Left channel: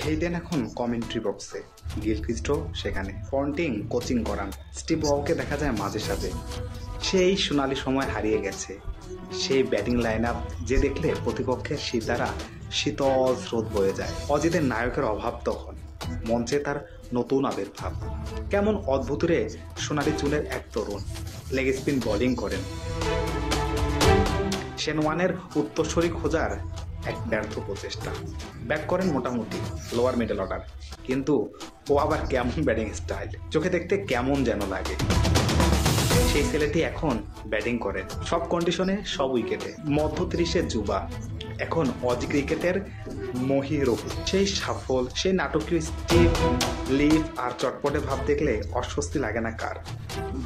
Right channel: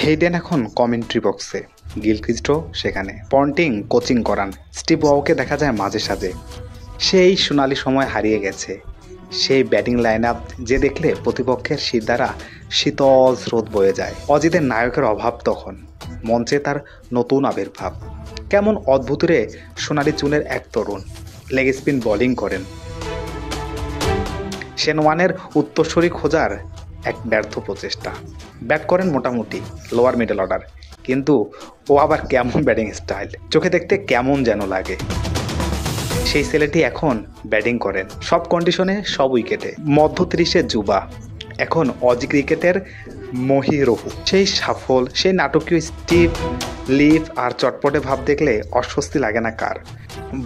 Hayden এখন commentary বক্সে, গিলক্রিস্টও সেখানে। পন্টিং কোচিং করান, স্টিভ ওয়াওকে দেখা যায় মাঝে সাঝে। সেই সোনালি সময় হারিয়ে গেছে, সেই ব্যাটিং লাইন আপ যে দেখলে প্রতিপক্ষের শীত দ্বারা শীতল স্রোত বয়ে যায়। অজিতের নায়কের অভাব তখন, মঞ্চে তার নতুন আবির্ভাব। কেমন অদ্ভুত রে সোনালি চুলের এক তরুণ, লেগ স্পিন বোলিং করেন। শেন ওয়ানের উত্তরসূরি খোঁজার এক ব্যর্থ প্রচেষ্টা। ব্যাট করেন মোটামুটি লোয়ার মিডল অর্ডার, কিন্তু ও আবার কেমন ব্যাটিং স্টাইল, চোখে দেখতে কেমন যেন লাগে। সেই ছেলেটি এখন ব্যাটিং করেন সব কন্ডিশনে, সব উইকেটে। মধ্য 30-এ যুবা, এখন অজি ক্রিকেটের মহিরহু। সেই সাফল, সেই নাটকীয় স্টিভ, লিফ আর চটপটে ভাব দেখলে অস্বস্তি লাগে না কার?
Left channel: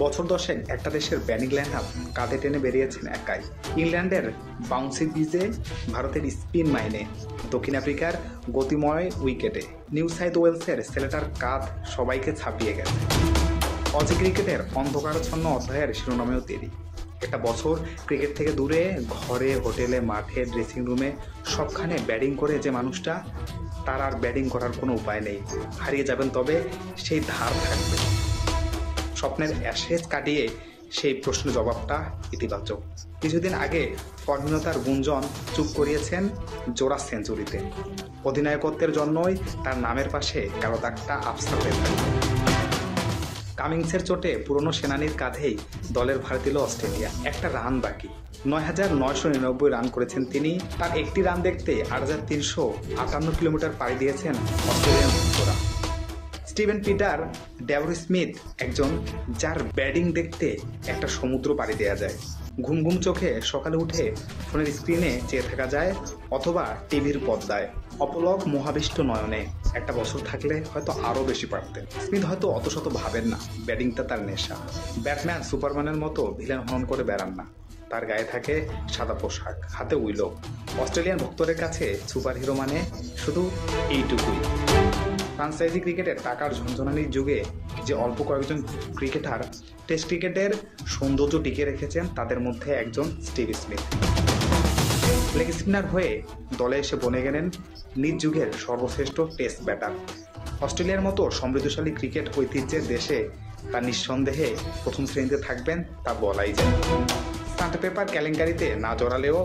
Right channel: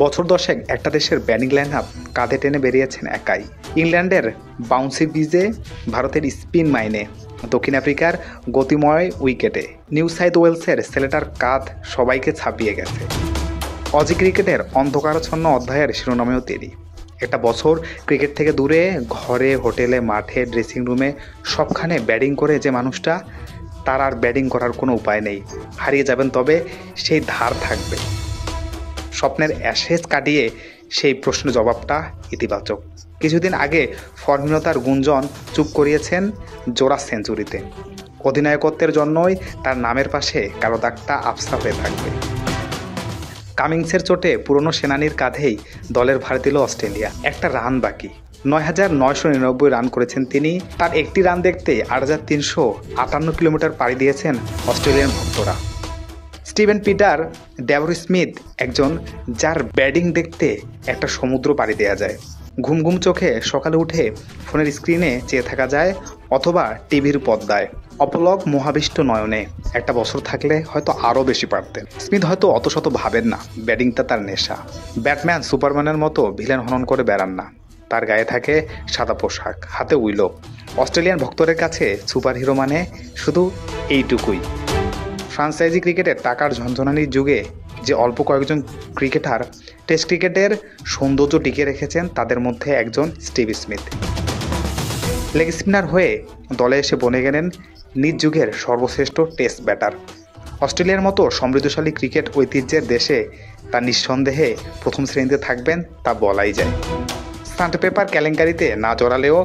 বছর 10 একটা দেশের ব্যাটিং লাইন আপ কাঁধে টেনে বেরিয়েছেন একাই। ইংল্যান্ডের বাউন্সি বিজে, ভারতের স্পিন মাইনে, দক্ষিণ আফ্রিকার গতিময় উইকেটে, নিউ সাউথ ওয়েলসের ছেলেটার কাঁধ সবাইকে ছাপিয়ে গেছে। অজি ক্রিকেটের অন্ধকারাচ্ছন্ন অধ্যায়ের শিরোনামেও তিনি। একটা বছর ক্রিকেট থেকে দূরে, ঘরে, হোটেলে, মাঠে, ড্রেসিং রুমে, সবখানে ব্যাটিং করে যে মানুষটা, তার আর ব্যাটিং করার কোনো উপায় নেই। হারিয়ে যাবেন তবে সেই ধার থাকবে। স্বপ্নের অ্যাশেজ কাটিয়ে সেই প্রশ্ন জবাবটা ইতিবাচক। কিছুদিন আগে ফর্মহীনতার গুঞ্জন চুপ করিয়েছেন জোড়া সেঞ্চুরিতে। অধিনায়কত্বের জন্যই তার নামের পাশে কালো দাগটা আফসা হয়ে থাকবে। কামিংসের চোটে পুরনো সেনানির কাঁধেই দলের ভার দিল অস্ট্রেলিয়া। একটা রান বাকি। 9,999 রান করেছেন তিনি। তার একটি রান দেখতে 8,358 কিলোমিটার পাড়ি দিয়েছেন অস্ট্রেলিয়ান ভক্তরা। স্টিভেন পিটার, ডেভর স্মিথ, একজন যার ব্যাটিং দেখতে একটা সমুদ্র পাড়ি দেওয়া যায়। ঘুম ঘুম চোখে সকালে উঠে ফোনের স্ক্রিনে চেয়ে থাকা যায়, অথবা টিভির পর্দায় অপলক মোহাবিষ্ট নয়নে। একটা বছর থাকলে হয়তো আরও বেশি পারতেন। স্মিথ হয়তো অত শত ভাবেন না, ব্যাটিংটা তার নেশা। ব্যাটম্যান সুপারম্যানের মতো ভিলেন হনন করে বেড়ান না। তার গায়ে থাকে সাদা পোশাক, হাতে উইলো। অস্ট্রেলিয়ান ভক্তদের কাছে সুপারহিরো মানে শুধু এইটুকুই। ফ্রাঞ্চাইজি ক্রিকেটের টাকার ঝনঝনানির যুগে যে অল্প কয়েকজন ক্রিকেটার টেস্ট ক্রিকেটের সৌন্দর্য টিকিয়ে রেখেছেন, তাদের মধ্যে একজন স্টিভ স্মিথ। লেগ স্পিনার হয়ে দলে এসে বনে গেলেন নিজ যুগের সর্বশ্রেষ্ঠ টেস্ট ব্যাটার। অস্ট্রেলিয়ার মতো সমৃদ্ধশালী ক্রিকেট ঐতিহ্যের দেশে তা নিঃসন্দেহে প্রথম শ্রেণীতে থাকবেন, তা বলাই যায়। স্যান্ড পেপার কেলেঙ্কারিতে না জড়ালেও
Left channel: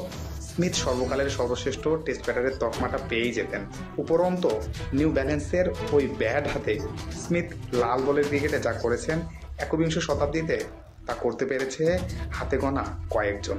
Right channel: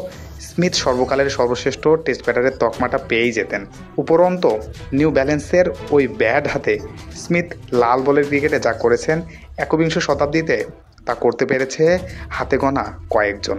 স্মিথ সর্বকালের সর্বশ্রেষ্ঠ টেস্ট ব্যাটারের তকমাটা পেয়েই যেতেন। উপরন্ত নিউ ব্যালেন্সের ওই ব্যাট হাতে স্মিথ লাল বলের ক্রিকেটে যা করেছেন, একবিংশ শতাব্দীতে তা করতে পেরেছে হাতে গোনা কয়েকজন।